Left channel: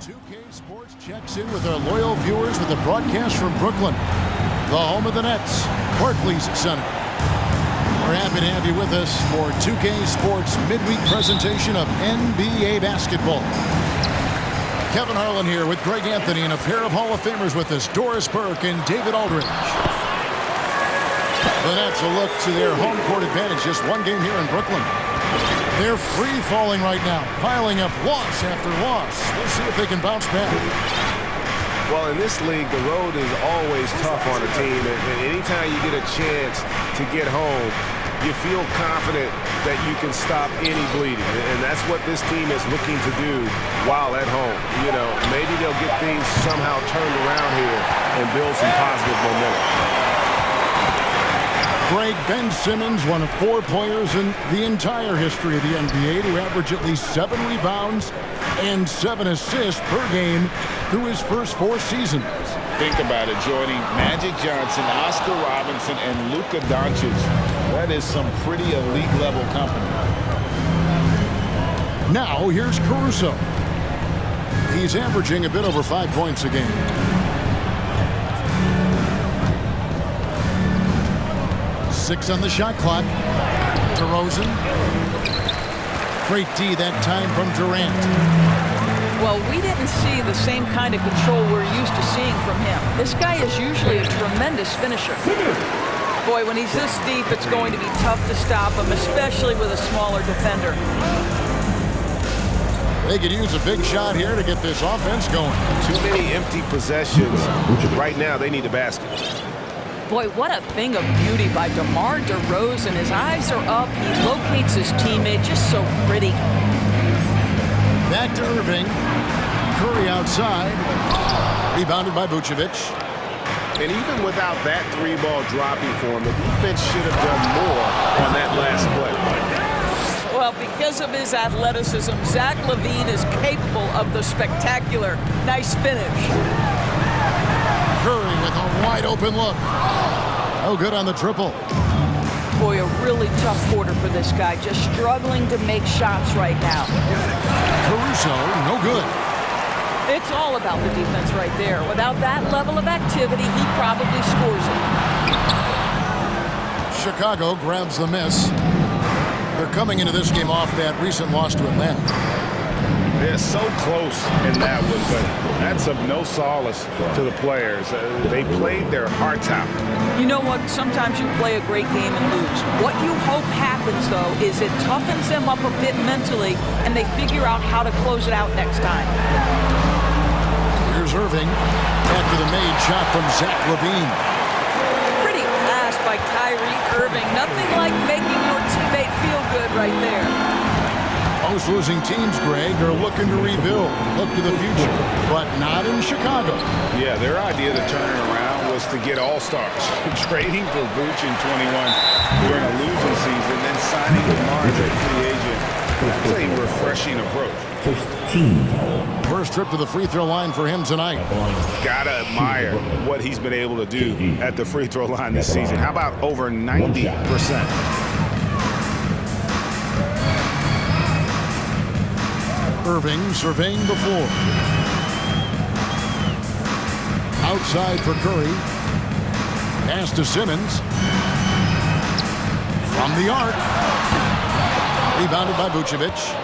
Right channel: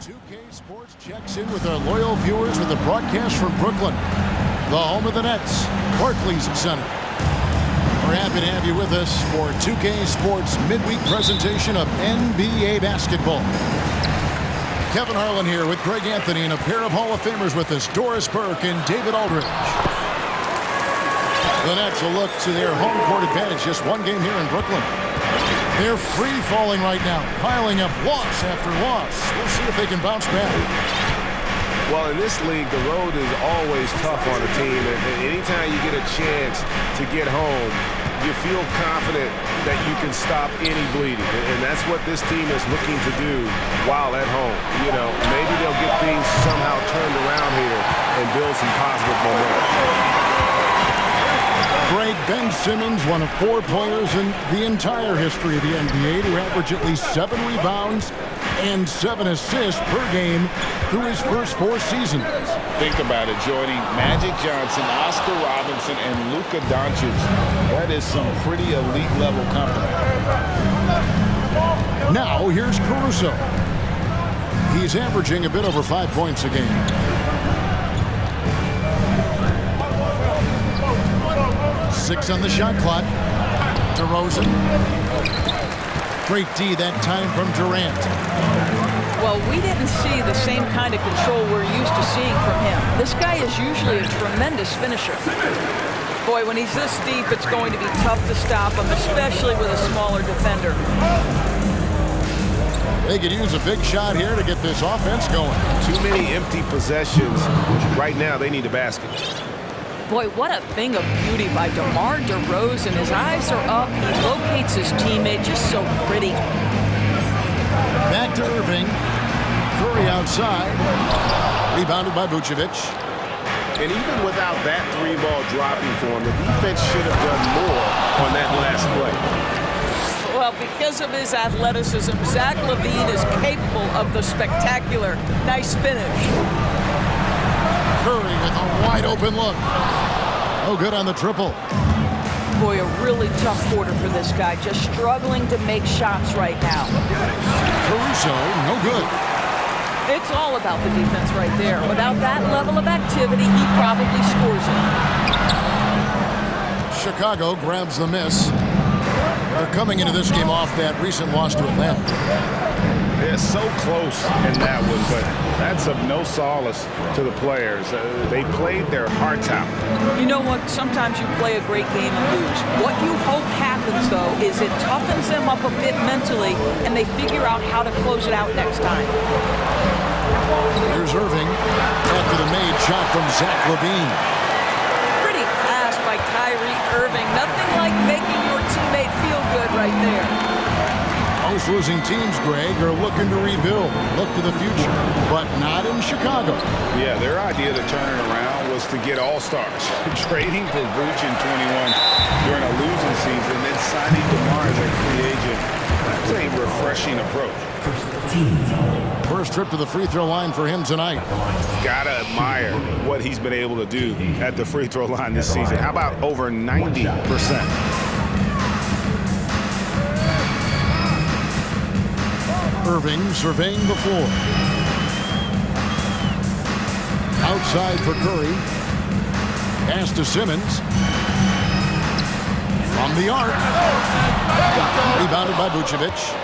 2K Sports checks in with our loyal viewers with a broadcast from Brooklyn, the home of the Nets, Barclays Center. We're happy to have you with us for 2K Sports midweek presentation of NBA basketball. Kevin Harlan here with Greg Anthony and a pair of Hall of Famers with us, Doris Burke and David Aldridge. The Nets will look to their home court advantage, just one game here in Brooklyn. They're free-falling right now, piling up loss after loss. We'll see if they can bounce back. Well, in this league, the road is always tough on a team, and anytime you get a chance to get home, you feel confident that you can stop any bleeding, and that's what this team is looking to do while at home. You know, maybe they'll get things somehow turned around here and build some positive momentum. Greg, Ben Simmons, one of 4 players in the entire history of the NBA to average at least 7 rebounds and 7 assists per game through his first 4 seasons. Think about it, joining Magic Johnson, Oscar Robinson, and Luka Doncic. That is some pretty elite level company. Now here's Caruso. He's averaging a bit over 5 points a game. Six on the shot clock. DeRozan. Great D that time from Durant. Well, we didn't see the same kind of control we're used to seeing from him. This guy is usually a tremendous finisher. Boy, when he's this deep, it's going to be tough to stop him, especially with a smaller defender. They could use a big shot here to get this offense going. Too many empty possessions. Right now, they need a basket. Boy, what a thing of beauty by DeMar DeRozan. His eyes are up. He locates his teammate. Just so pretty. Back to Irving. Curry outside. Rebounded by Vucevic. And even without that 3-ball dropping for him, the defense should have done more on that last play. Well, because of his athleticism, Zach LaVine is capable of the spectacular. Nice finish. Curry with a wide open look. No good on the triple. Boy, a really tough quarter for this guy. Just struggling to make shots right now. Caruso, no good. It's all about the defense right there. Without that level of activity, he probably scores it. Chicago grabs the miss. They're coming into this game off that recent loss to Atlanta. They're so close in that one, but that's of no solace to the players. They played their hearts out. You know what? Sometimes you play a great game and lose. What you hope happens, though, is it toughens them up a bit mentally, and they figure out how to close it out next time. Here's Irving after the made shot from Zach LaVine. Pretty pass by Kyrie Irving. Nothing like making your teammate feel good right there. Most losing teams, Greg, are looking to rebuild, look to the future, but not in Chicago. Yeah, their idea to turn it around was to get all-stars. Trading for Vooch in 21 during a losing season, then signing DeMar as a free agent. That's a refreshing approach. First trip to the free throw line for him tonight. Gotta admire what he's been able to do at the free throw line this season. How about over 90%? Irving surveying the floor. Outside for Curry. Pass to Simmons. From the arc. Rebounded by Vucevic.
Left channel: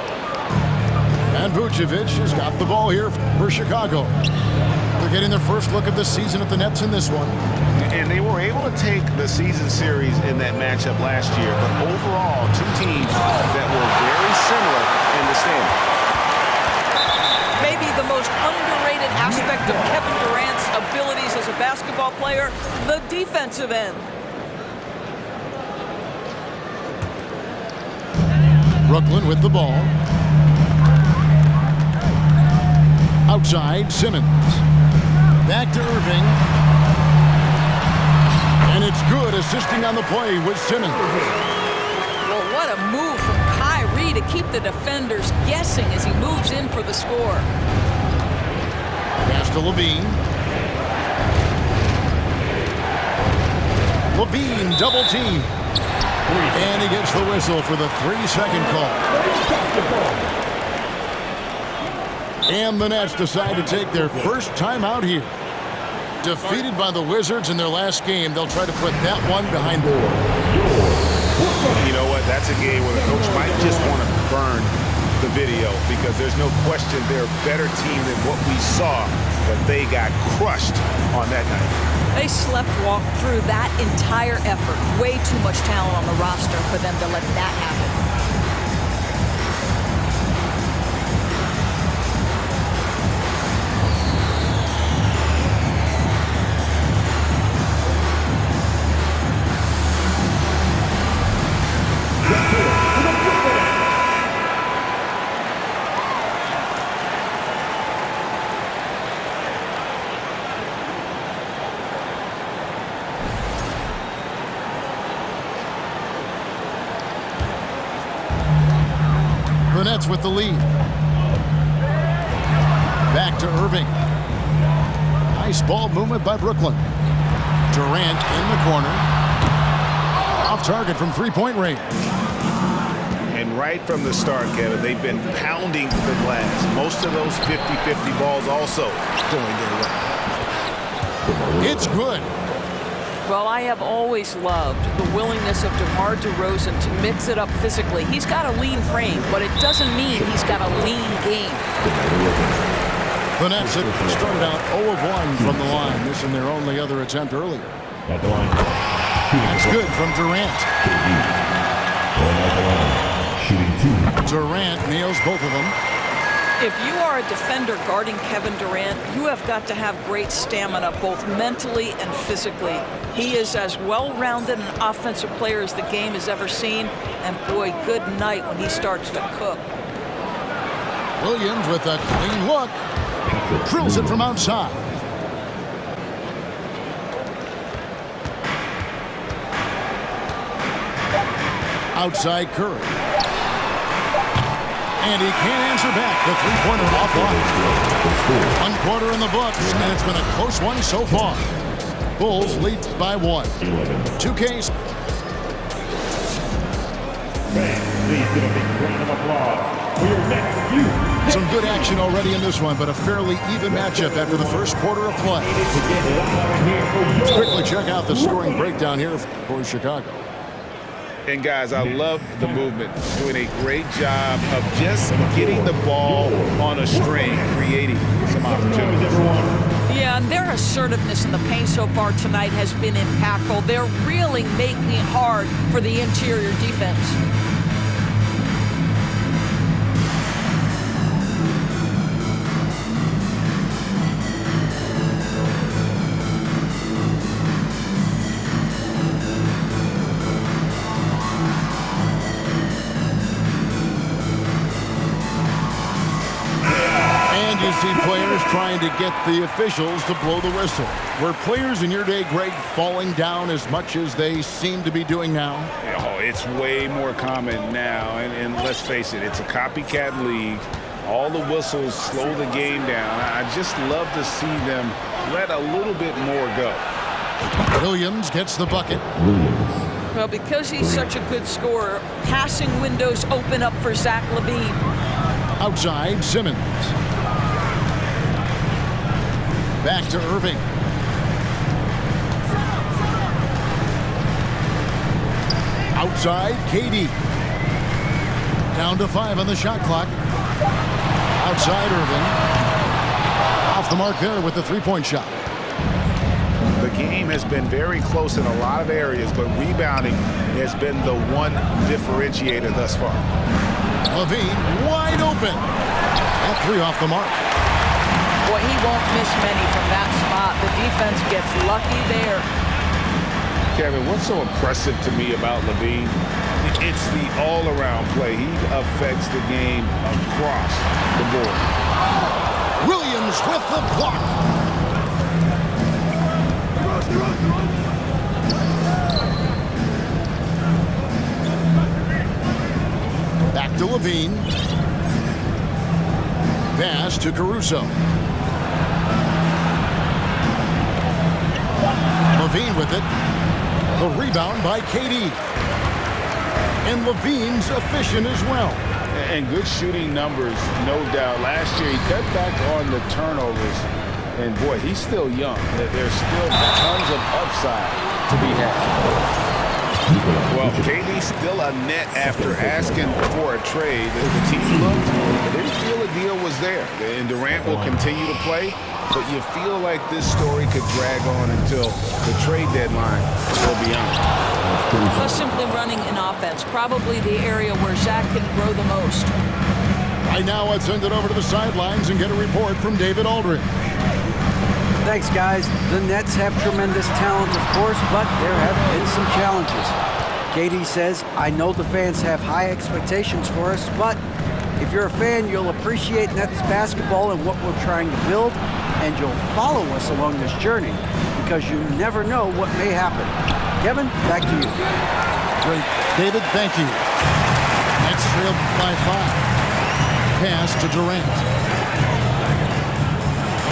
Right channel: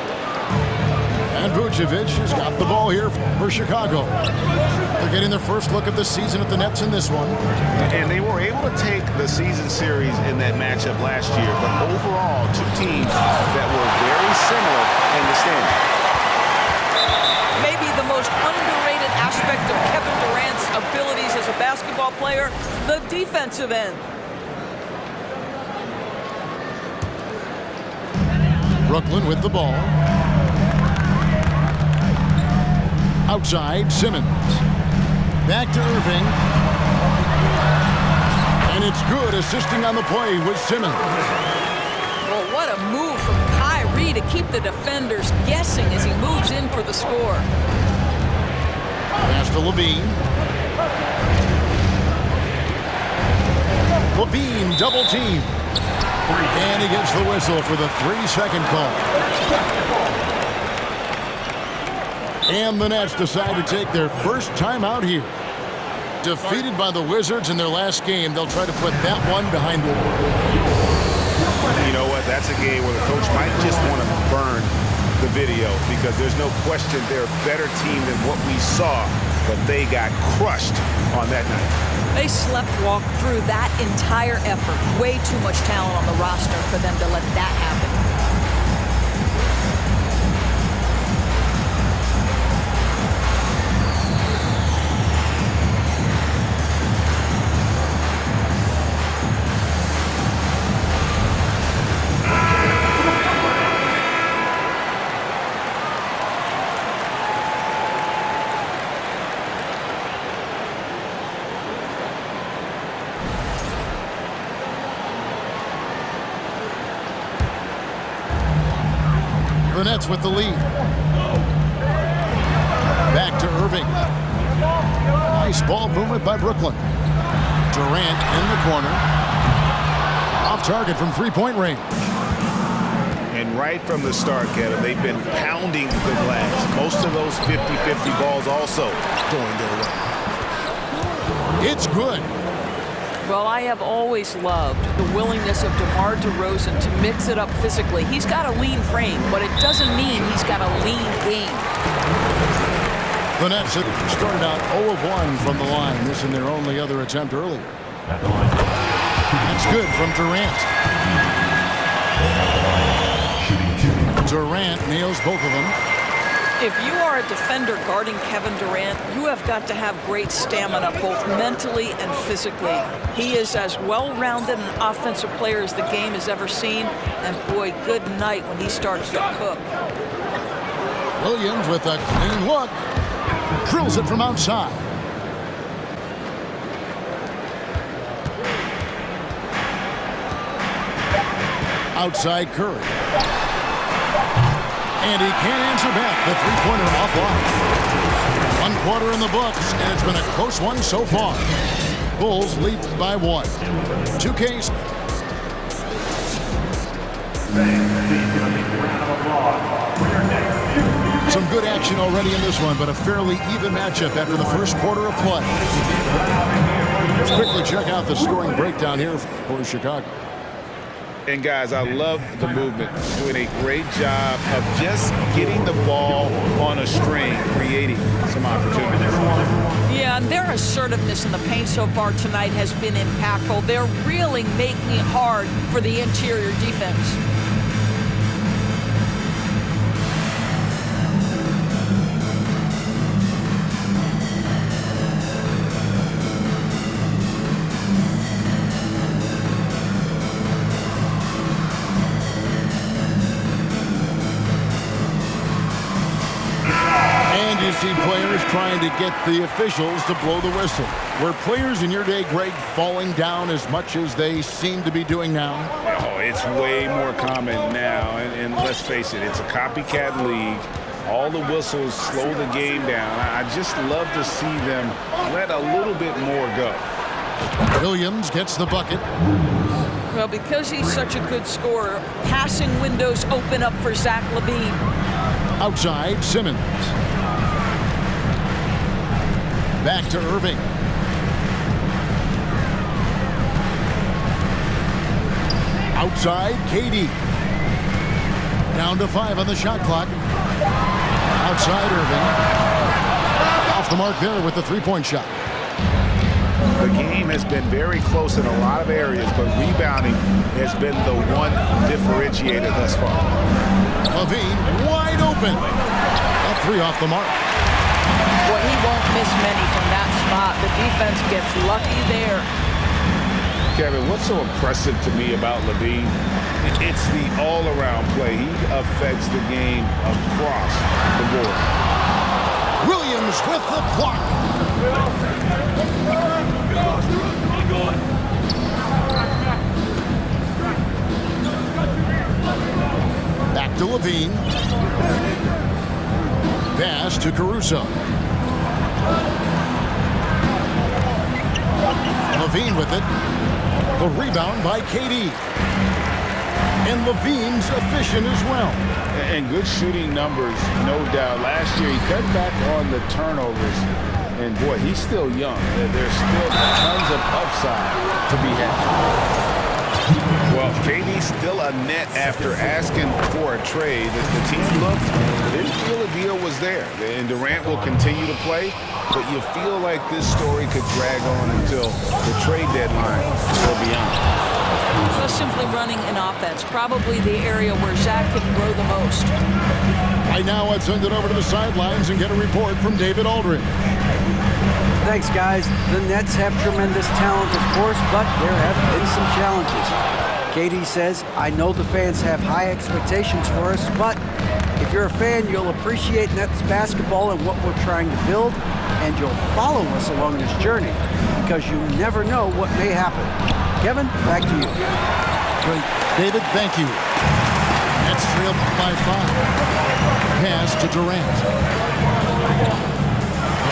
And Vucevic has got the ball here for Chicago. They're getting their first look of the season at the Nets in this one. And they were able to take the season series in that matchup last year, but overall, 2 teams that were very similar in the standings. Maybe the most underrated aspect of Kevin Durant's abilities as a basketball player, the defensive end. Brooklyn with the ball. Outside, Simmons. Back to Irving. And it's good, assisting on the play with Simmons. Well, what a move from Kyrie to keep the defenders guessing as he moves in for the score. Pass to LaVine. LaVine double team. And he gets the whistle for the 3-second call. And the Nets decide to take their first time out here. Defeated by the Wizards in their last game, they'll try to put that one behind them. You know what? That's a game where the coach might just want to burn the video because there's no question they're a better team than what we saw, but they got crushed on that night. They slept-walk through that entire effort. Way too much talent on the roster for them to let that happen. The Nets with the lead. Back to Irving. Nice ball movement by Brooklyn. Durant in the corner. Off target from three-point range. And right from the start, Kevin, they've been pounding the glass. Most of those 50-50 balls also going their way. It's good. Well, I have always loved the willingness of DeMar DeRozan to mix it up physically. He's got a lean frame, but it doesn't mean he's got a lean game. The Nets had started out 0 of 1 from the line, missing their only other attempt earlier. At the line. That's good from Durant. Shooting 2. Durant nails both of them. If you are a defender guarding Kevin Durant, you have got to have great stamina, both mentally and physically. He is as well-rounded an offensive player as the game has ever seen, and boy, good night when he starts to cook. Williams with a clean look. Drills it from outside. Outside Curry. And he can't answer back. The three-pointer offline. 1 quarter in the books, and it's been a close one so far. Bulls lead by 1. 2Ks. Please give a big round of applause for your next view. Some good action already in this one, but a fairly even matchup after the first quarter of play. Let's quickly check out the scoring breakdown here for Chicago. And guys, I love the movement. Doing a great job of just getting the ball on a string, creating some opportunities. Yeah, and their assertiveness in the paint so far tonight has been impactful. They're really making it hard for the interior defense. And you see players trying to get the officials to blow the whistle. Were players in your day, Greg, falling down as much as they seem to be doing now? Oh, it's way more common now. And let's face it, it's a copycat league. All the whistles slow the game down. I just love to see them let a little bit more go. Williams gets the bucket. Well, because he's such a good scorer, passing windows open up for Zach LaVine. Outside, Simmons. Back to Irving. Outside, KD. Down to 5 on the shot clock. Outside, Irving. Off the mark there with the three-point shot. The game has been very close in a lot of areas, but rebounding has been the one differentiator thus far. LaVine wide open. That 3 off the mark. Boy, he won't miss many from that spot. The defense gets lucky there. Kevin, what's so impressive to me about LaVine? It's the all-around play. He affects the game across the board. Williams with the block. Back to LaVine. Pass to Caruso. LaVine with it. The rebound by KD. And LaVine's efficient as well. And good shooting numbers, no doubt. Last year, he cut back on the turnovers. And, boy, he's still young. There's still tons of upside to be had. Well, KD still a net after asking for a trade. The team looked, but didn't feel a deal was there. And Durant will continue to play, but you feel like this story could drag on until the trade deadline or beyond. Just simply running an offense, probably the area where Zach can grow the most. Right now, let's send it over to the sidelines and get a report from David Aldridge. Thanks, guys. The Nets have tremendous talent, of course, but there have been some challenges. KD says, I know the fans have high expectations for us, but if you're a fan, you'll appreciate Nets basketball and what we're trying to build, and you'll follow us along this journey because you never know what may happen. Kevin, back to you. Great. David, thank you. Nets trailed by 5. Pass to Durant.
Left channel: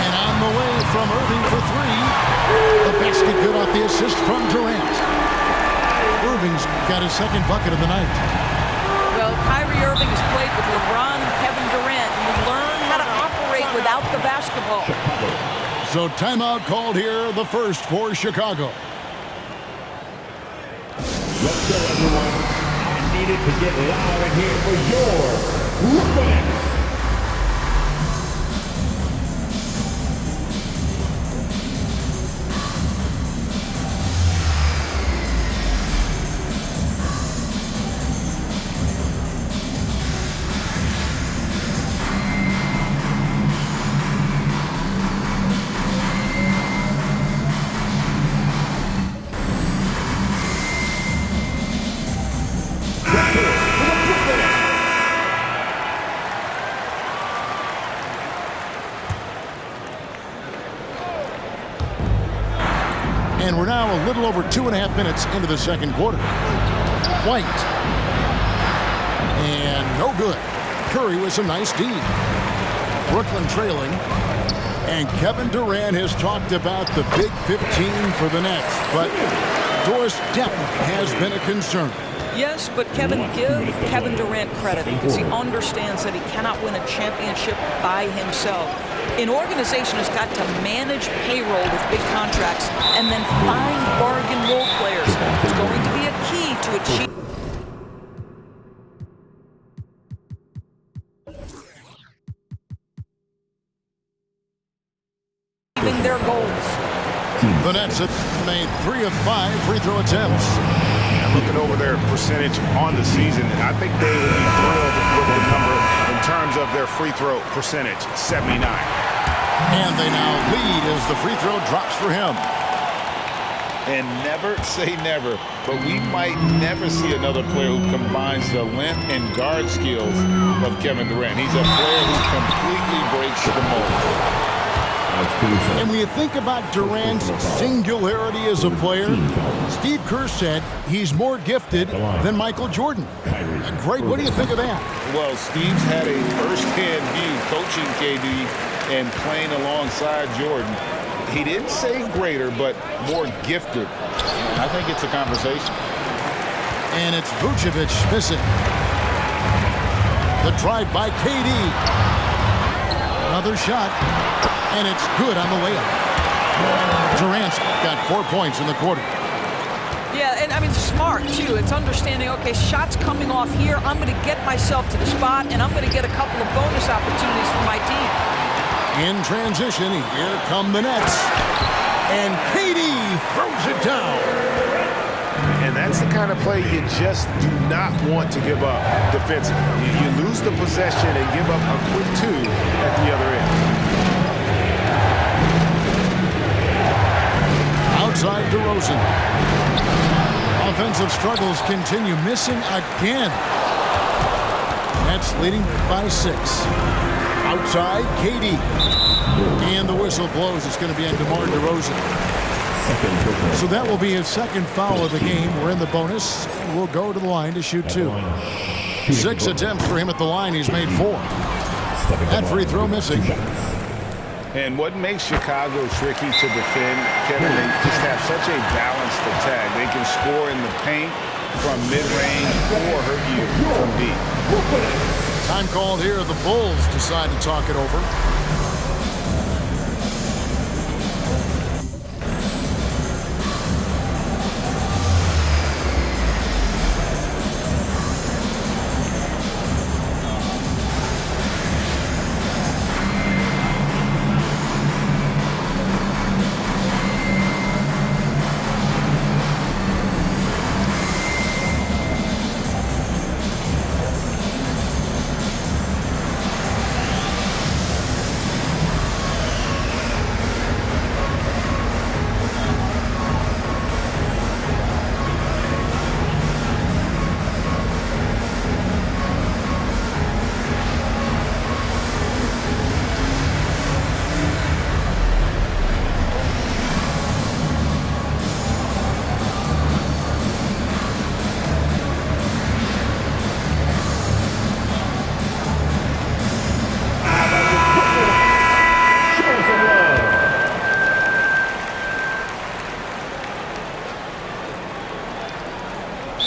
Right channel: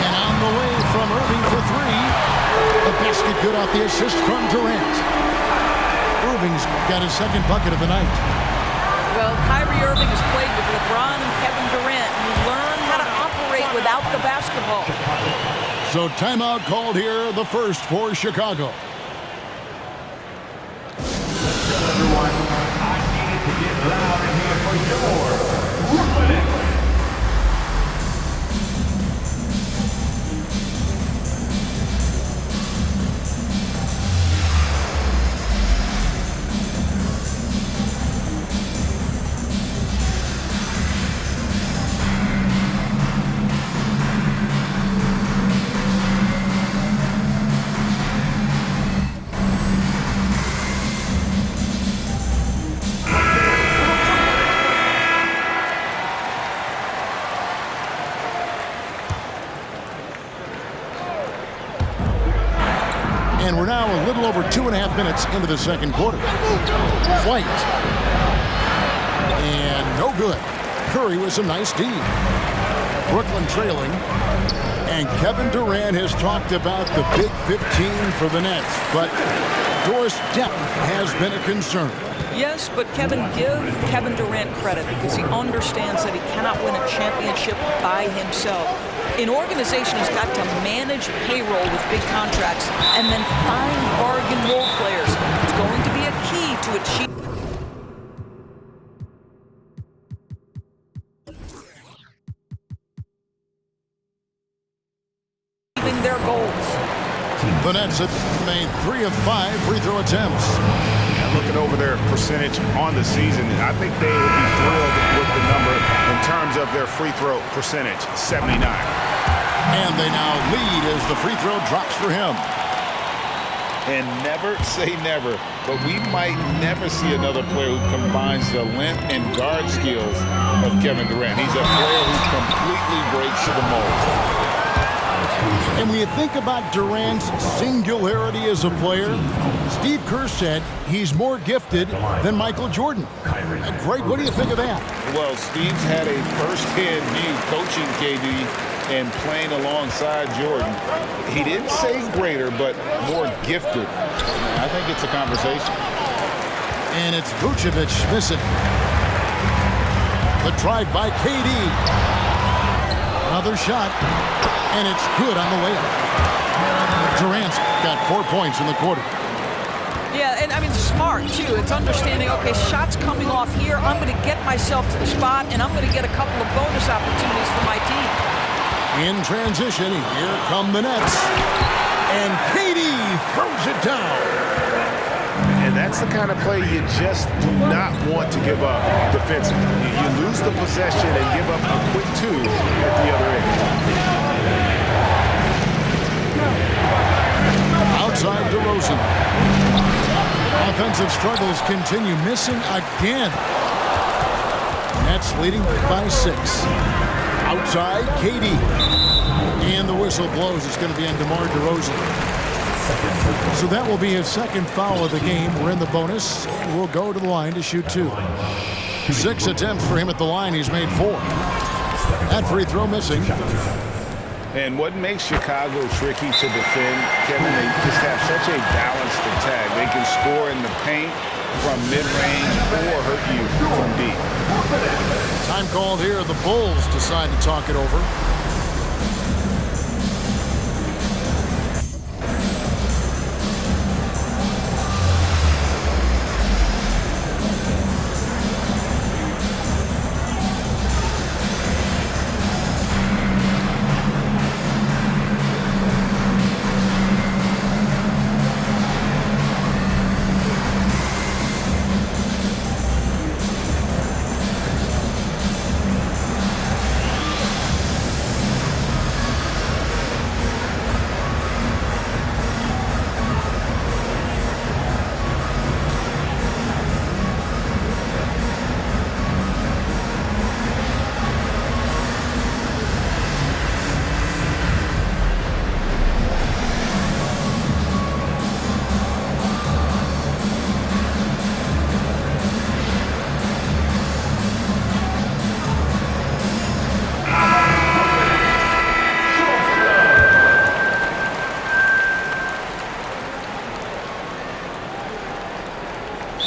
And on the way from Irving for 3. The basket good off the assist from Durant. Irving's got his second bucket of the night. Well, Kyrie Irving has played with LeBron and Kevin Durant. You learn how to operate without the basketball. So timeout called here, the first for Chicago. Let's go, everyone. I needed to get loud in here for your Brooklyn Nets. And we're now a little over 2.5 minutes into the second quarter. White. And no good. Curry with some nice D. Brooklyn trailing. And Kevin Durant has talked about the Big 15 for the Nets. But Doris depth has been a concern. Yes, but Kevin, give Kevin Durant credit because he understands that he cannot win a championship by himself. An organization has got to manage payroll with big contracts and then find bargain role players. It's going to be a key to achieving their goals. The Nets have made 3 of 5 free throw attempts. Looking over their percentage on the season, I think they will be thrilled with the number in terms of their free throw percentage, 79. And they now lead as the free throw drops for him. And never say never, but we might never see another player who combines the length and guard skills of Kevin Durant. He's a player who completely breaks the mold. And when you think about Durant's singularity as a player, Steve Kerr said he's more gifted than Michael Jordan. Greg, what do you think of that? Well, Steve's had a first-hand view coaching KD and playing alongside Jordan. He didn't say greater, but more gifted. I think it's a conversation. And it's Vucevic missing. The drive by KD. Another shot. And it's good on the layup. Durant's got 4 points in the quarter. Yeah, and I mean, smart, too. It's understanding, okay, shots coming off here. I'm going to get myself to the spot, and I'm going to get a couple of bonus opportunities for my team. In transition, here come the Nets. And KD throws it down. And that's the kind of play you just do not want to give up defensively. You lose the possession and give up a quick 2 at the other end. Outside DeRozan. Offensive struggles continue, missing again. Nets leading by 6. Outside, KD. And the whistle blows. It's going to be on DeMar DeRozan. So that will be his second foul of the game. We're in the bonus. We'll go to the line to shoot 2. 6 attempts for him at the line. He's made 4. That free throw missing. And what makes Chicago tricky to defend, Kevin, they just have such a balanced attack. They can score in the paint from mid-range or hurt you from deep. Time called here. The Bulls decide to talk it over.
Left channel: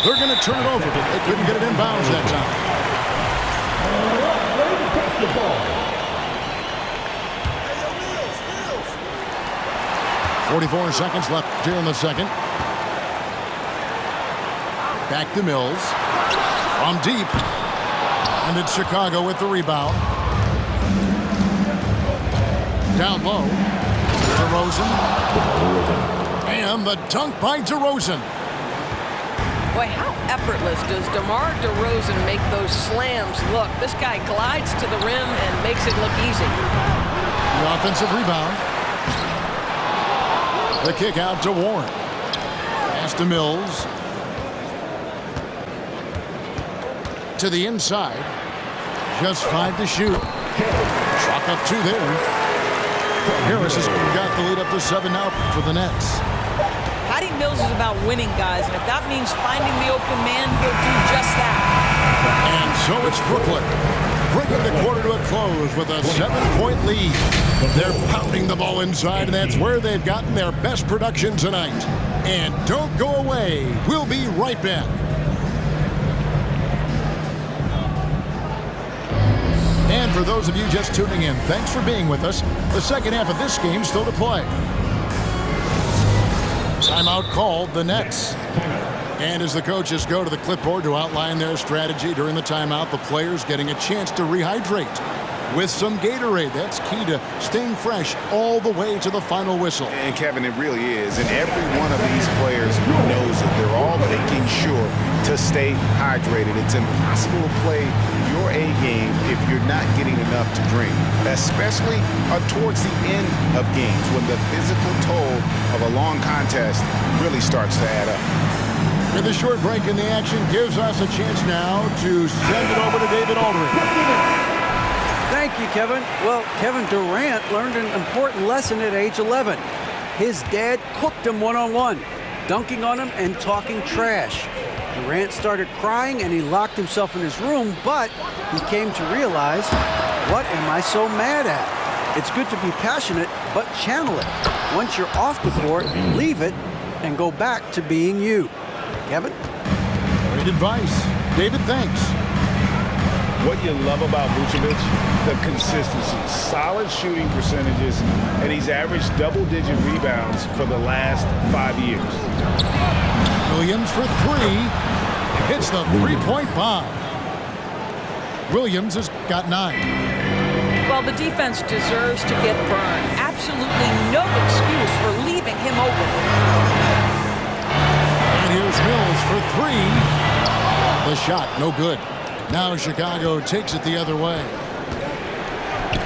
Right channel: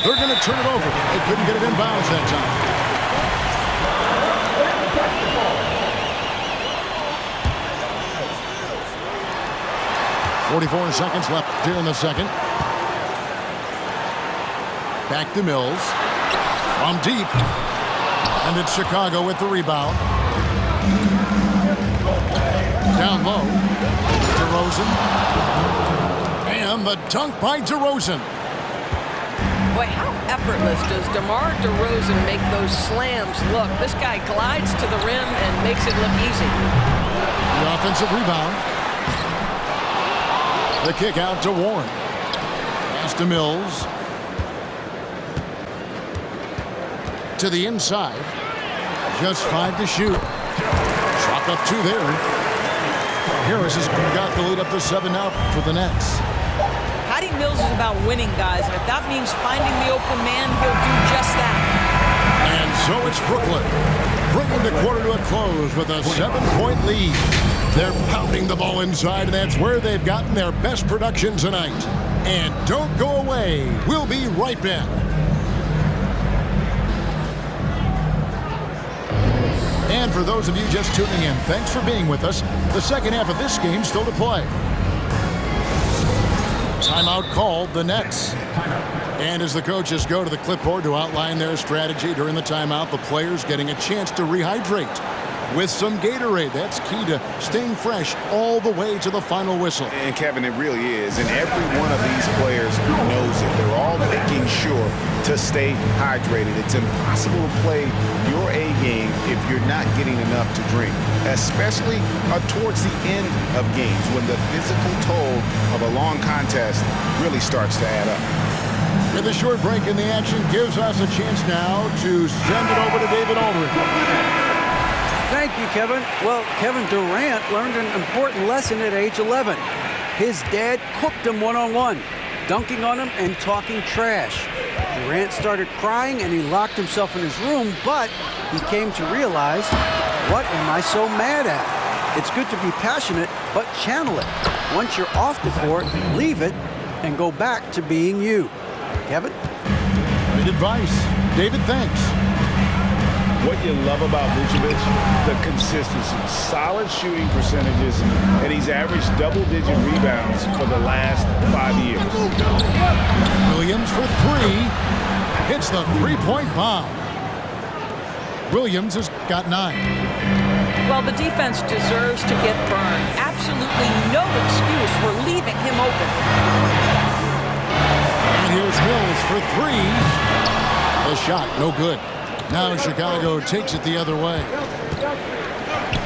They're going to turn it over. They couldn't get it inbounds that time. .44 seconds left here in the second. Back to Mills. From deep. And it's Chicago with the rebound. Down low. DeRozan. And the dunk by DeRozan. Boy, how effortless does DeMar DeRozan make those slams look? This guy glides to the rim and makes it look easy. The offensive rebound. The kick out to Warren. Pass to Mills. To the inside. Just 5 to shoot. Chalk up 2 there. Harris has got the lead up to 7 now for the Nets. Patty Mills is about winning, guys, and if that means finding the open man, he'll do just that. And so it's Brooklyn, bringing the quarter to a close with a 7-point lead. They're pounding the ball inside, and that's where they've gotten their best production tonight. And don't go away. We'll be right back. And for those of you just tuning in, thanks for being with us. The second half of this game still to play. Timeout called, the Nets. And as the coaches go to the clipboard to outline their strategy during the timeout, the players getting a chance to rehydrate with some Gatorade. That's key to staying fresh all the way to the final whistle. And Kevin, it really is. And every one of these players knows it. They're all making sure to stay hydrated. It's impossible to play your A game if you're not getting enough to drink, especially towards the end of games when the physical toll of a long contest really starts to add up. With a short break in the action gives us a chance now to send it over to David Aldridge. Thank you, Kevin. Well, Kevin Durant learned an important lesson at age 11. His dad cooked him one-on-one, dunking on him and talking trash. Durant started crying and he locked himself in his room, but he came to realize, what am I so mad at? It's good to be passionate, but channel it. Once you're off the court, leave it and go back to being you. Kevin? Great advice. David, thanks. What you love about Vucevic, the consistency, solid shooting percentages, and he's averaged double-digit rebounds for the last 5 years. Williams for 3. Hits the three-point bomb. Williams has got 9. Well, the defense deserves to get burned. Absolutely no excuse for leaving him open. And here's Mills for 3. The shot, no good. Now Chicago takes it the other way.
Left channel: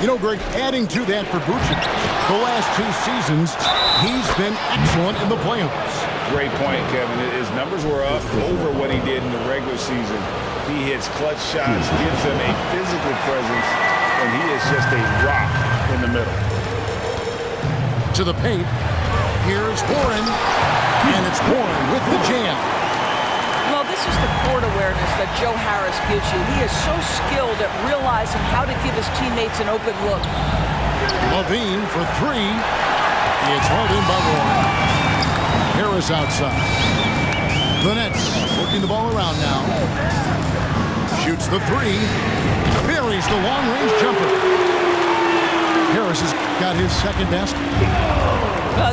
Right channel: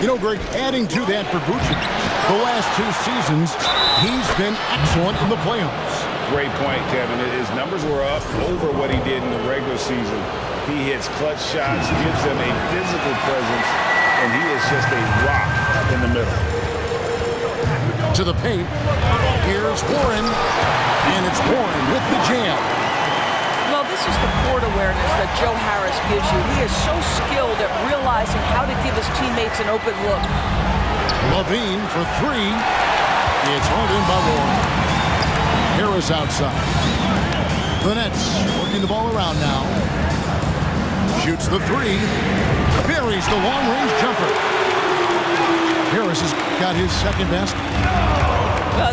You know, Greg, adding to that for Vucevic, the last 2 seasons, he's been excellent in the playoffs. Great point, Kevin. His numbers were up over what he did in the regular season. He hits clutch shots, gives them a physical presence, and he is just a rock in the middle. To the paint. Here's Warren. And it's Warren with the jam. Well, this is the court awareness that Joe Harris gives you. He is so skilled at realizing how to give his teammates an open look. Levine for 3. It's hauled in by Warren. Harris outside. The Nets working the ball around now. Shoots the 3. Buries the long-range jumper. Harris has got his second best.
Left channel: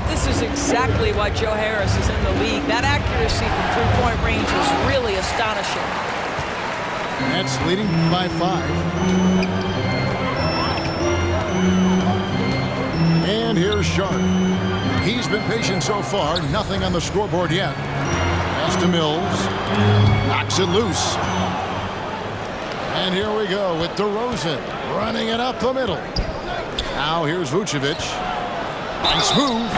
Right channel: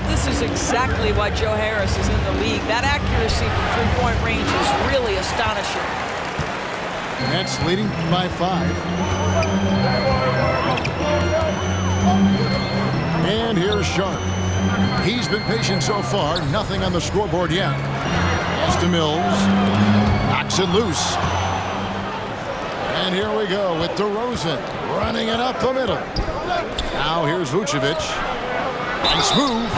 This is exactly why Joe Harris is in the league. That accuracy from three-point range is really astonishing. Nets leading by 5. And here's Sharp. He's been patient so far. Nothing on the scoreboard yet. Pass to Mills. Knocks it loose. And here we go with DeRozan running it up the middle. Now here's Vucevic. Nice move.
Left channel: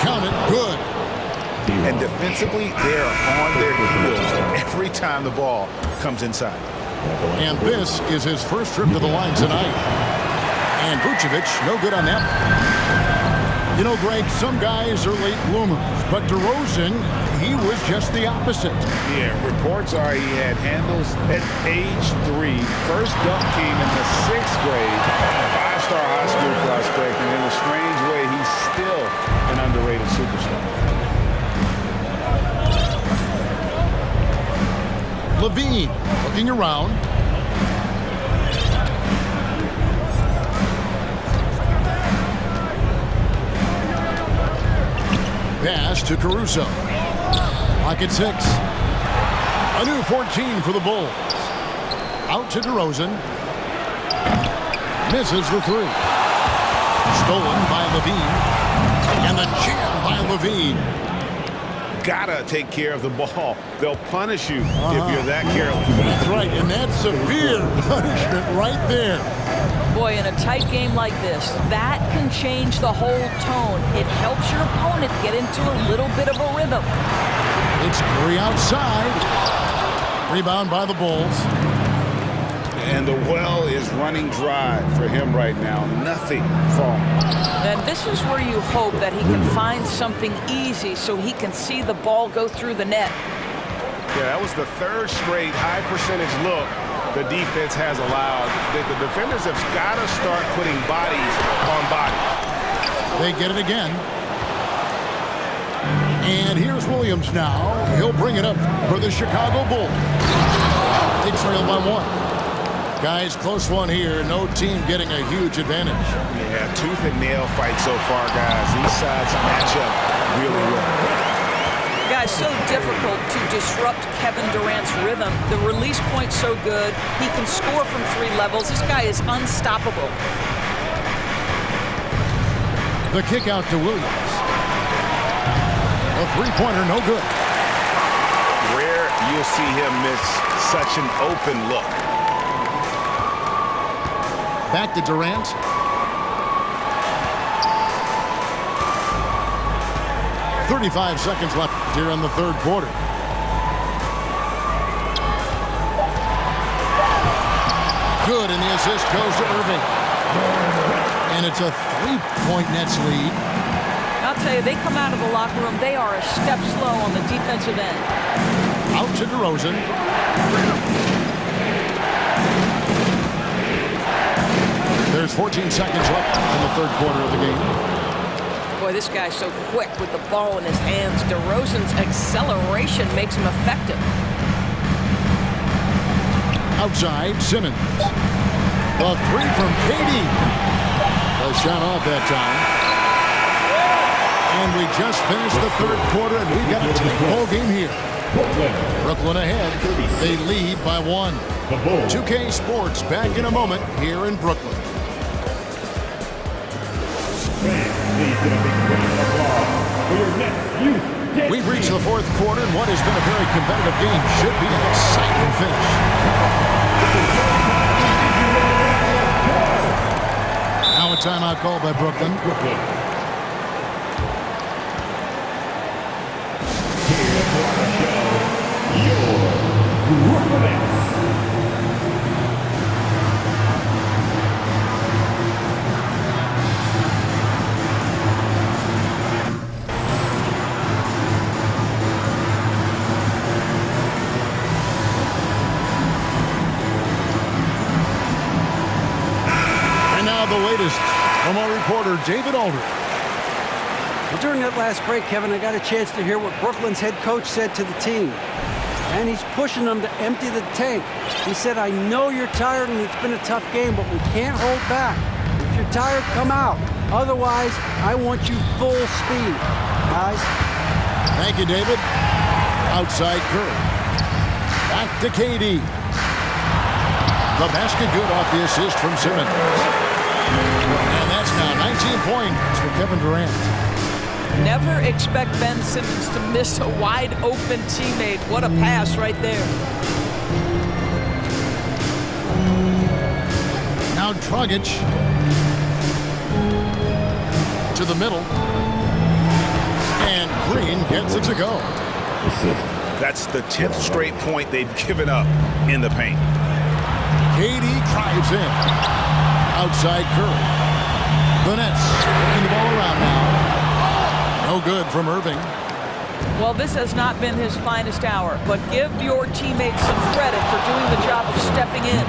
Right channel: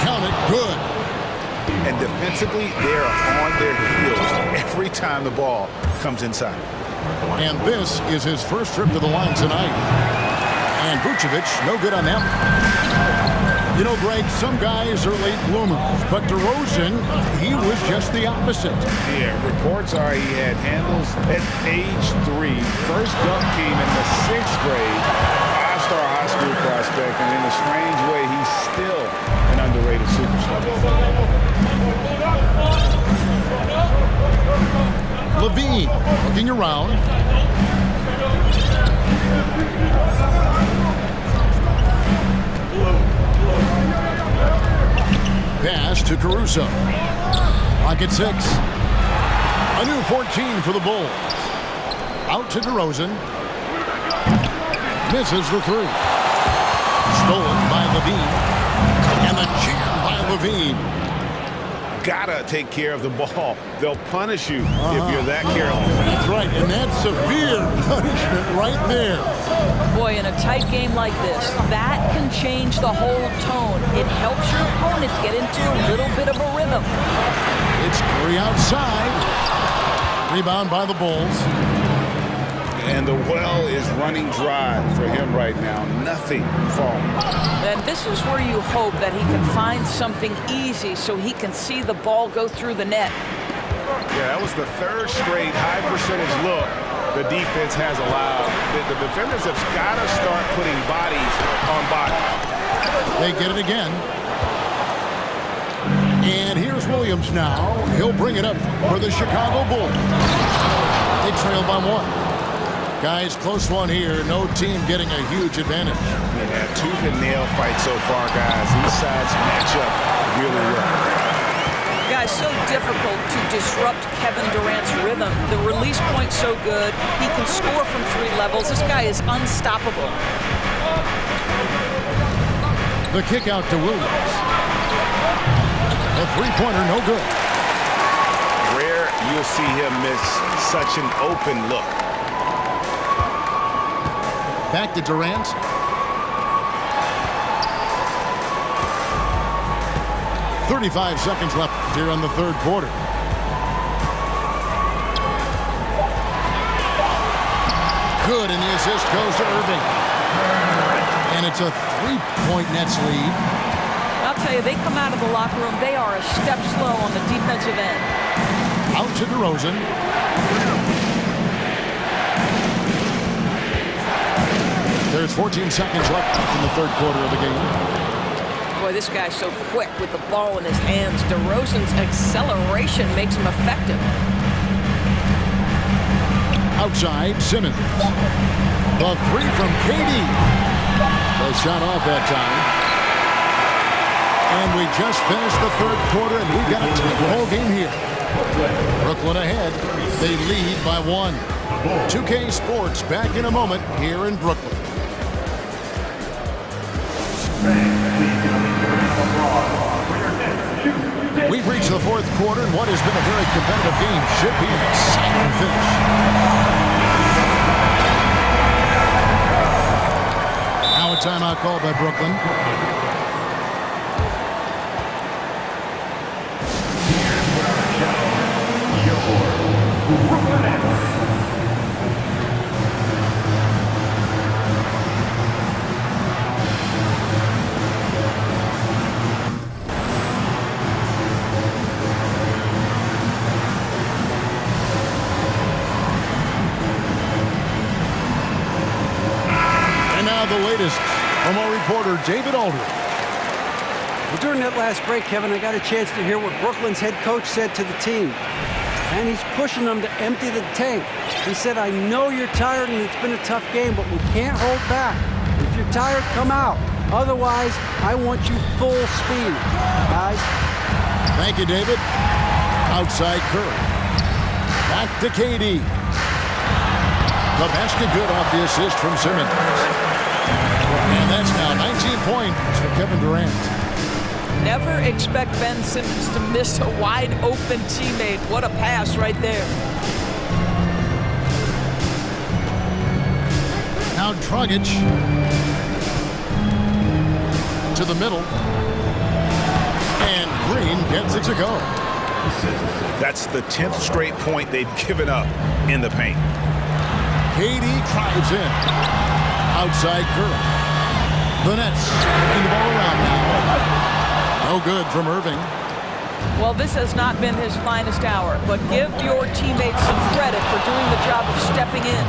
Count it. Good. And defensively, they're on their heels every time the ball comes inside. And this is his first trip to the line tonight. And Vucevic, no good on that one. You know, Greg, some guys are late bloomers, but DeRozan, he was just the opposite. Yeah, reports are he had handles at age 3. First dunk came in the 6th grade. 5-star high school prospect, and in a strange way, he's still an underrated superstar. Levine looking around. Pass to Caruso. Clock at 6. A new 14 for the Bulls. Out to DeRozan. Misses the 3. Stolen by Levine. And the jam by Levine. Gotta take care of the ball. They'll punish you if you're that careless. That's right, and that's severe punishment right there. Boy, in a tight game like this, that can change the whole tone. It helps your opponent get into a little bit of a rhythm. It's Curry outside. Rebound by the Bulls. And the well is running dry for him right now. Nothing falling. And this is where you hope that he can find something easy so he can see the ball go through the net. Yeah, that was the 3rd straight high percentage look the defense has allowed. The defenders have got to start putting bodies on bodies. They get it again. And here's Williams now. He'll bring it up for the Chicago Bulls. They trail by 1. Guys, close one here. No team getting a huge advantage. Yeah, tooth and nail fight so far, guys. These sides match up really well. Guys, so difficult to disrupt Kevin Durant's rhythm. The release point's so good. He can score from 3 levels. This guy is unstoppable. The kick out to Williams. A 3-pointer, no good. Rare you'll see him miss such an open look. Back to Durant. .35 seconds left here in the 3rd quarter. Good, and the assist goes to Irving. And it's a 3-point Nets lead. I'll tell you, they come out of the locker room, they are a step slow on the defensive end. Out to DeRozan. There's 14 seconds left in the 3rd quarter of the game. Boy, this guy's so quick with the ball in his hands. DeRozan's acceleration makes him effective. Outside, Simmons. The 3 from KD. The shot off that time. And we just finished the 3rd quarter, and we've got a tight ball game here. Brooklyn ahead. They lead by 1. 2K Sports back in a moment here in Brooklyn. We've reached the 4th quarter, and what has been a very competitive game should be an exciting finish. Now a timeout called by Brooklyn. Here to put on the show, your Brooklyn Nets. And now the latest from our reporter, David Aldridge. Well, during that last break, Kevin, I got a chance to hear what Brooklyn's head coach said to the team. and he's pushing them to empty the tank. He said, I know you're tired and it's been a tough game, but we can't hold back. If you're tired, come out. Otherwise, I want you full speed, guys. Thank you, David. Outside Curry. Back to KD. The basket good off the assist from Simmons. And that's now 19 points for Kevin Durant. Never expect Ben Simmons to miss a wide-open teammate. What a pass right there. Now Dragic to the middle. And Green gets it to go. That's the 10th straight point they've given up in the paint. KD drives in. Outside Curry. The Nets taking the ball around now. No good from Irving. Well, this has not been his finest hour, but give your teammates some credit for doing the job of stepping in.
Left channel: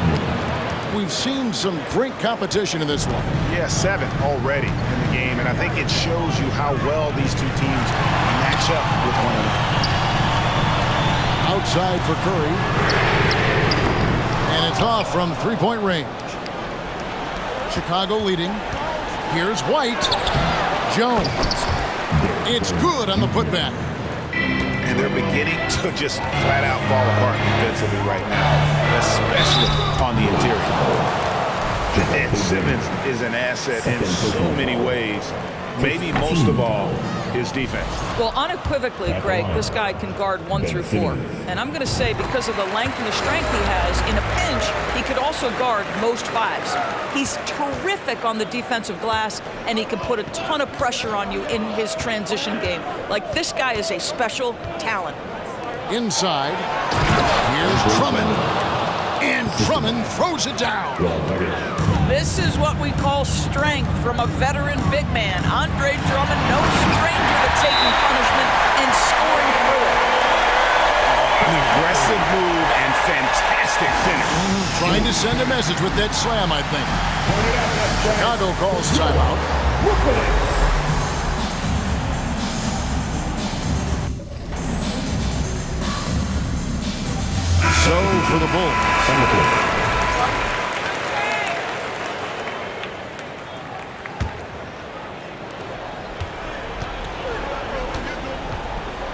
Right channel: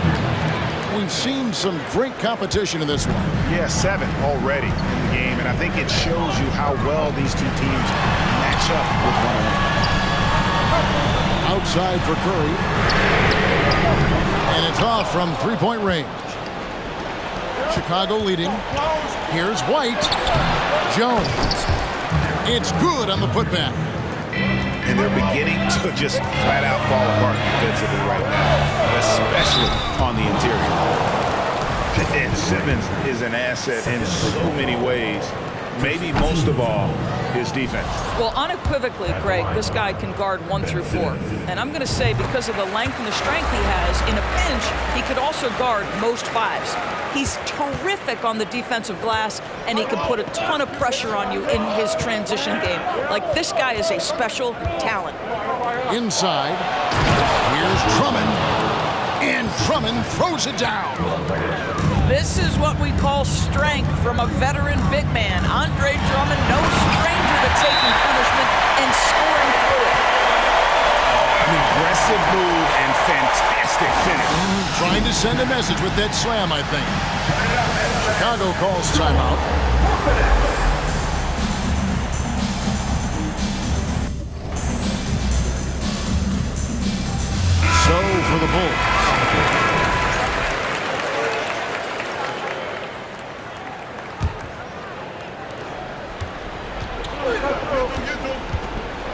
We've seen some great competition in this one. Yeah, 7 already in the game, and I think it shows you how well these two teams match up with one another. Outside for Curry. And it's off from three-point range. Chicago leading. Here's White. Jones. It's good on the putback. And they're beginning to just flat out fall apart defensively right now, especially on the interior. And Simmons is an asset in so many ways, maybe most of all, his defense. Well, unequivocally, Greg, this guy can guard 1 through 4. And I'm going to say because of the length and the strength he has, in a pinch, he could also guard most 5s. He's terrific on the defensive glass, and he can put a ton of pressure on you in his transition game. Like, this guy is a special talent. Inside. Here's Drummond. And Drummond throws it down. This is what we call strength from a veteran big man. Andre Drummond, no stranger to taking punishment and scoring through it. An aggressive move and fantastic finish. Trying to send a message with that slam, I think. Chicago calls timeout. So for the Bulls.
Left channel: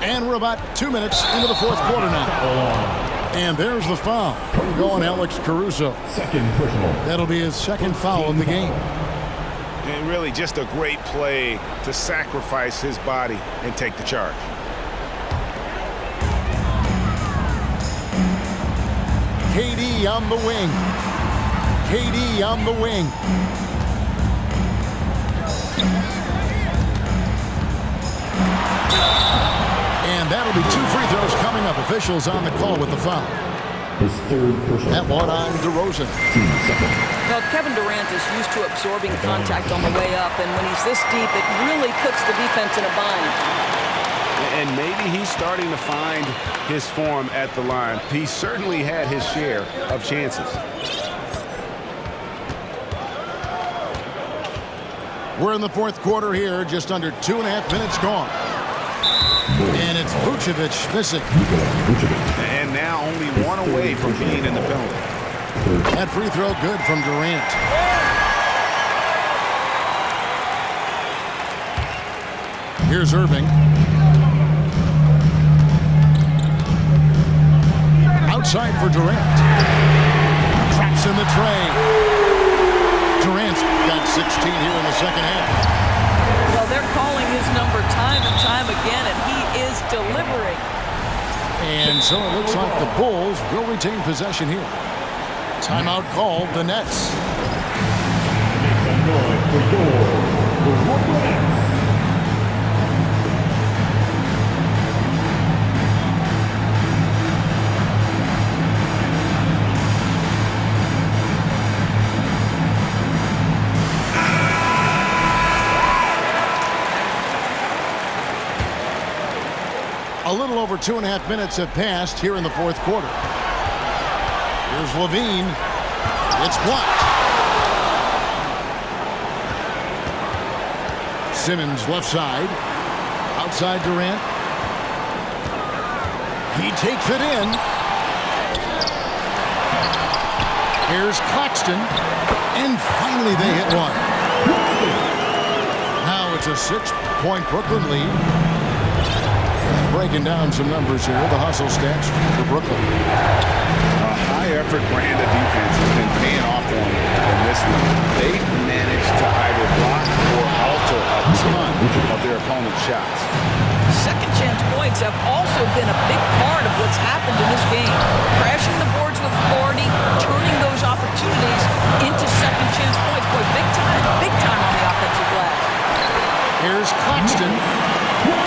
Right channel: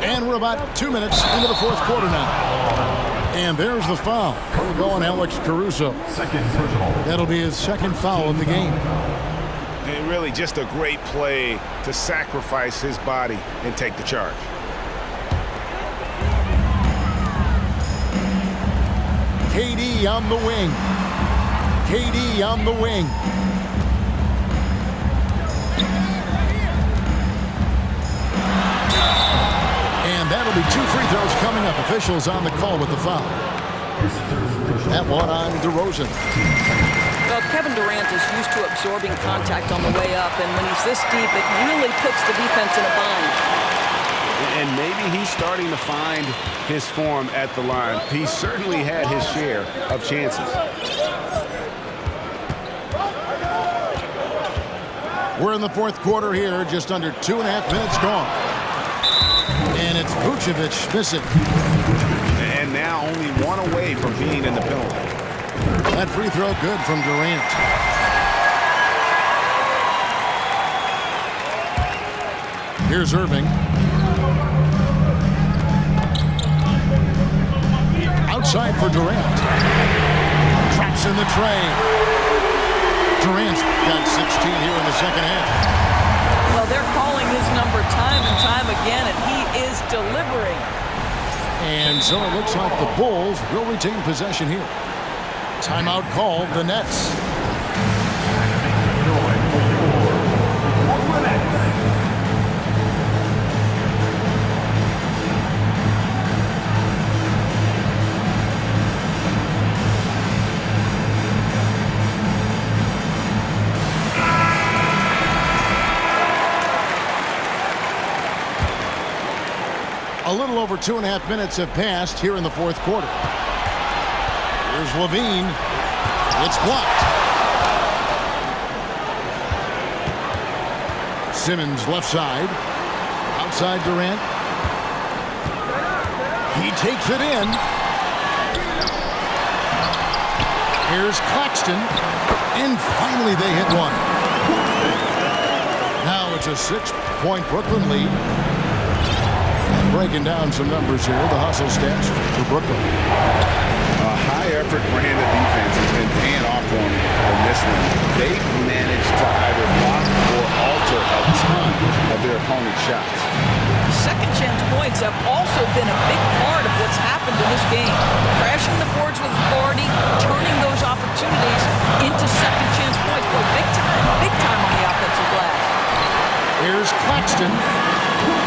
And we're about 2 minutes into the fourth quarter now. And there's the foul. Going Alex Caruso. Second personal. That'll be his second foul of the game. And really just a great play to sacrifice his body and take the charge. KD on the wing. KD on the wing. And that'll be 2 free throws coming up. Officials on the call with the foul. His third personal. That one on DeRozan. Well, Kevin Durant is used to absorbing contact on the way up, and when he's this deep, it really puts the defense in a bind. And maybe he's starting to find his form at the line. He certainly had his share of chances. We're in the fourth quarter here, just under 2.5 minutes gone. And it's Vucevic missing. And now only 1 away from being in the penalty. That free throw good from Durant. Here's Irving. Outside for Durant. Traps in the tray. Durant's got 16 here in the second half. Well, they're calling his number time and time again, and he is delivering. And so it looks like the Bulls will retain possession here. Timeout called, the Nets. Make some noise for your Brooklyn Nets. A little over 2.5 minutes have passed here in the fourth quarter. Here's Levine. It's blocked. Simmons left side. Outside Durant. He takes it in. Here's Claxton. And finally they hit one. Now it's a 6-point Brooklyn lead. And breaking down some numbers here, the hustle stats for Brooklyn. A high-effort brand of defense has been paying off for them in this one. They've managed to either block or alter a ton of their opponent's shots. Second chance points have also been a big part of what's happened in this game. Crashing the boards with authority, turning those opportunities into second chance points. Boy, big time on the offensive glass. Here's Claxton.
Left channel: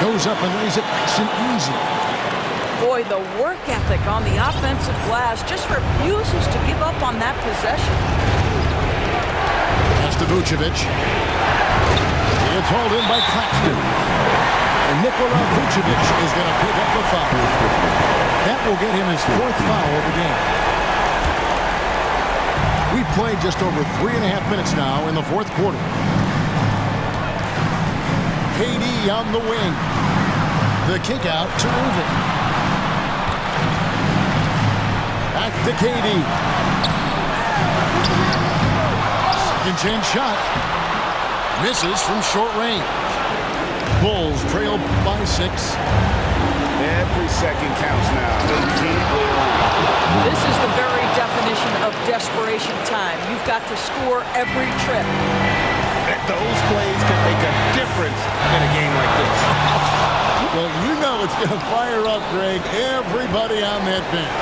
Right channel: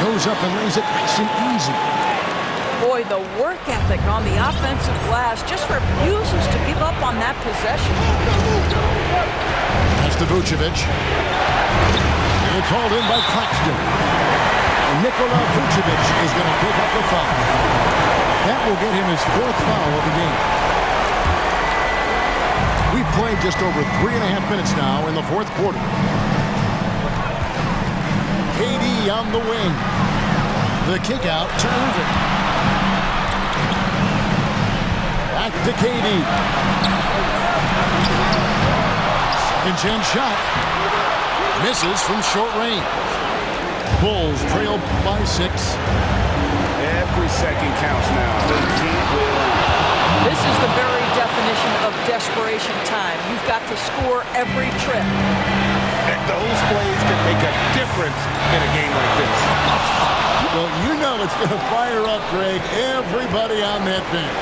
Goes up and lays it nice and easy. Boy, the work ethic on the offensive glass just refuses to give up on that possession. That's to Vucevic. It's hauled in by Claxton. And Nikola Vucevic is going to pick up the foul. That will get him his 4th foul of the game. We've played just over 3.5 minutes now in the 4th quarter. KD on the wing. The kick out to Irving. Back to KD. Second chance shot. Misses from short range. Bulls trail by 6. Every second counts now. They can't wait around. This is the very definition of desperation time. You've got to score every trip. And those plays can make a difference in a game like this. Well, you know it's going to fire up, Greg, everybody on that bench.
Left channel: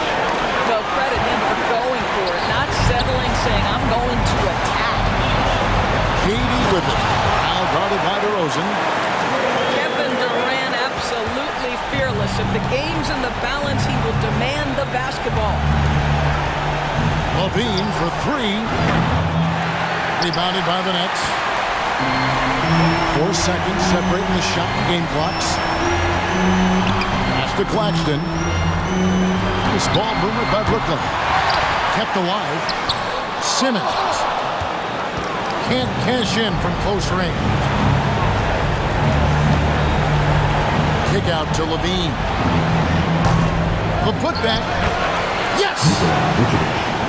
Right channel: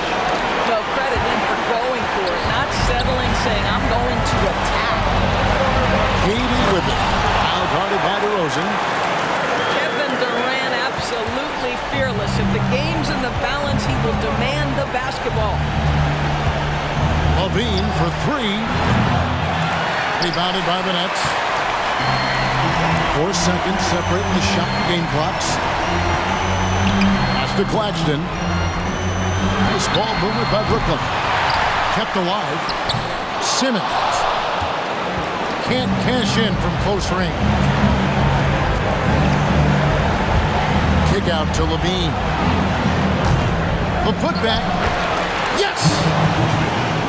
Well, credit him for going for it, not settling, saying, I'm going to attack. KD with it. Now guarded by DeRozan. Kevin Durant absolutely fearless. If the game's in the balance, he will demand the basketball. LaVine for 3. Rebounded by the Nets. 4 seconds separating the shot and game clocks. Pass to Claxton. Nice ball movement by Brooklyn. Kept alive. Simmons. Can't cash in from close range. Kick out to LaVine. The putback. Yes!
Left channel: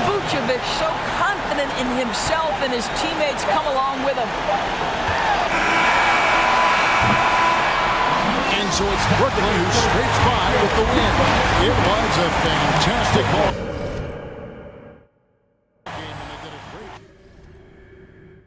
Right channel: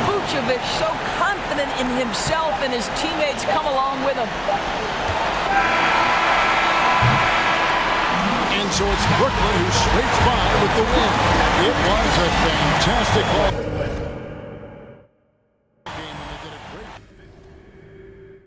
Vucevic so confident in himself, and his teammates come along with him. And so it's Brooklyn who scrapes by with the win. It was a fantastic ball.